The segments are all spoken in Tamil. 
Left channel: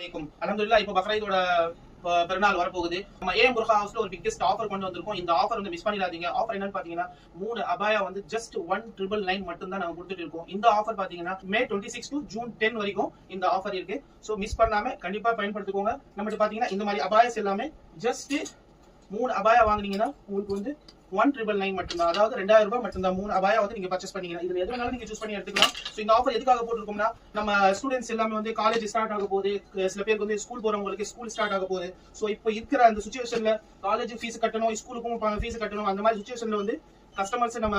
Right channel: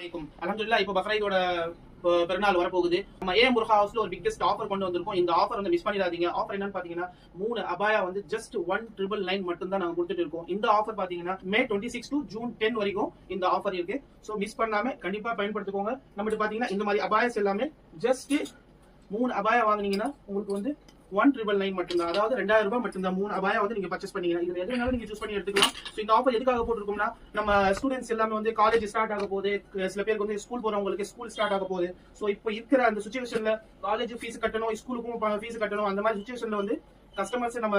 அல்ஹம்துலில்லாஹ் இப்போ பக்ரீதோட பெருநாள் வரப்போகுது. நம்ம ஏஎம் புர்ஹா ஹவுஸ்ல ஒரு பிக்கெஸ்ட் ஆஃபர் கொண்டு வந்திருக்கோம். இந்த ஆஃபர் வந்து மிஸ் பண்ணிடாதீங்க. ஆஃபர் என்னன்னு பாத்தீங்கன்னா 3 அபாயா வந்து ஜஸ்ட் 1999 மட்டும் தான் நாங்க கொடுத்துட்டு இருக்கோம். இந்த ஆஃபர் பாத்தீங்கன்னா மே 26 டு ஜூன் 10 வரைக்கும் இந்த ஆஃபர் இருக்கு. சோ மிஸ் பண்ணாம கண்டிப்பா பயன்படுத்திக்கோங்க. நம்மகிட்ட பாத்தீங்கன்னா இந்த மாதிரி அபாயாஸ் எல்லாமே ஜஸ்ட் 3 அபாயா வாங்குனீங்கன்னா உங்களுக்கு வந்து 1999 மட்டும்தான். அதாவது 2000 ரூபாய் மட்டும்தான். 3 அபாயா வந்து நீங்க பர்ச்சேஸ் பண்ணீங்கன்னா இதுல எது வேணாலும் நீங்க சூஸ் பண்ணி எடுத்துக்கலாம். சோ இந்த ஆஃபர் எதுக்காக போட்டுருக்கோம்னா நம்ம ஸ்டூடெண்ட்ஸ் எல்லாமே வந்து காலேஜ் ஸ்டார்ட் ஆக போகுது. சில பேருக்கு வந்து ஸ்கூல் போறவங்களுக்கு ஸ்கூல் ஸ்டார்ட் ஆக போகுது. சோ இப்போ இருக்கிற அந்த சிச்சுவேஷன்ல காலேஜ் ஃபீஸ் கட்டணும், ஸ்கூலுக்கும் ஃபீஸ் கட்டணும். அந்த மாதிரி சிச்சுவேஷன்ல வந்து கஸ்டமர்ஸ் நம்ம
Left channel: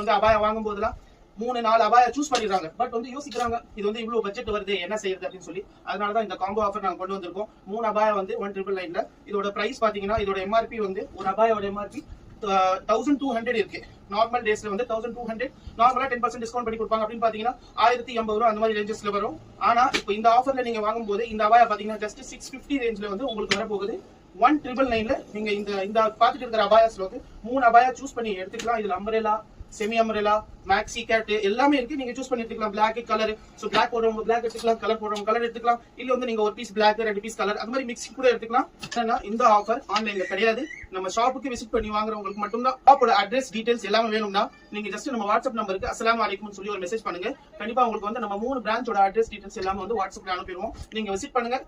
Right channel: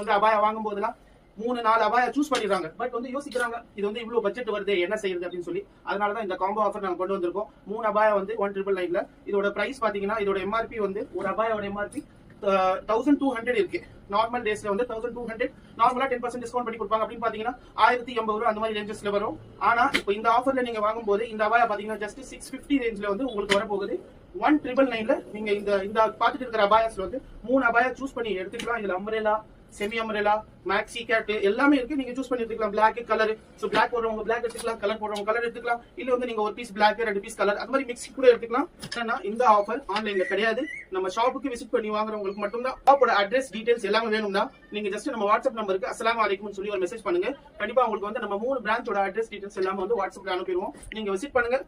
வந்து அபாயா வாங்கும் போதெல்லாம் 3-4 அபாயா சூஸ் பண்ணிடுறாங்க. பட் வந்து யோசிக்கிறாங்க இது வந்து இவ்வளவு பட்ஜெட் வருது என்ன செய்யுது அப்படின்னு சொல்லி. அதனாலதான் இந்த காம்போ ஆஃபர் நாங்க கொண்டு வந்திருக்கோம். 3 அபாயா வந்து 1999ல. இதோட பிரைஸ் பாத்தீங்கன்னா இதோட எம்ஆர்பி வந்து ஒரு அபாயோட எம்ஆர்பி 1200 இருக்கு. நார்மல் டேஸ்ல வந்து 1200, நார்மலா 10% டிஸ்கவுண்ட் பண்ணி கொடுப்பாங்க. அப்படின்னு பாத்தீங்கன்னா 1080 ரூபாய் அந்த மாதிரி ரேஞ்சஸ்ல வரும். ஆனா இப்போ இந்த ஆஃபர்ல நீங்க வாங்கும்போது இந்த அபாயா பாத்தீங்கன்னா ஜஸ்ட் 650 ரேஞ்ச்ல வந்து உங்களுக்கு வரப்போகுது. 1999ல நீங்க இந்த பாத்துட்டு இருக்கிற அபாயாஸ்ல வந்து 3 அபாயா சூஸ் பண்ணி எடுத்துக்கலாம். இதுல umbrella, semi umbrella, maxi cut எல்லாமே இருக்கு. நீங்க சூஸ் பண்ணி எடுத்துக்கலாம். பிளாக் கலர், சோ பிளாக் போடுறவங்க பிளாக் எடுத்துக்கலாம், கலர் போடுறவங்க கலர் எடுத்துக்கலாம். இல்ல வந்து நீங்க ஒரு பீஸ் பிளாக் 2 பீஸ் கலர் அந்த மாதிரி மிக்ஸ் கூட எடுத்துக்கலாம். ஆனா இந்த ஆஃபர் ஆன்லைன்ல கிடையாது. நம்ம ஷாப்புக்கு விசிட் பண்ணி வாங்குறவங்களுக்கு மட்டும் தான். ஷாப்போட அட்ரஸ் டீடைல்ஸ் எல்லாமே வேணும்னா நீங்க ஜஸ்ட் நம்ம வாட்ஸ்அப் நம்பருக்கு அஸ்ஸலாமு அலைக்கும் சொல்லி ஒரு மெசேஜ் பண்ணுங்க. கண்டிப்பா உங்களுக்கு வந்து நம்ம 3 பிரான்ச்சோட அட்ரஸ் டீடைல்ஸ் எல்லாமே வந்து வாட்ஸ்அப்ல அனுப்பிடுவோம். நீங்க விசிட் பண்ணுங்க.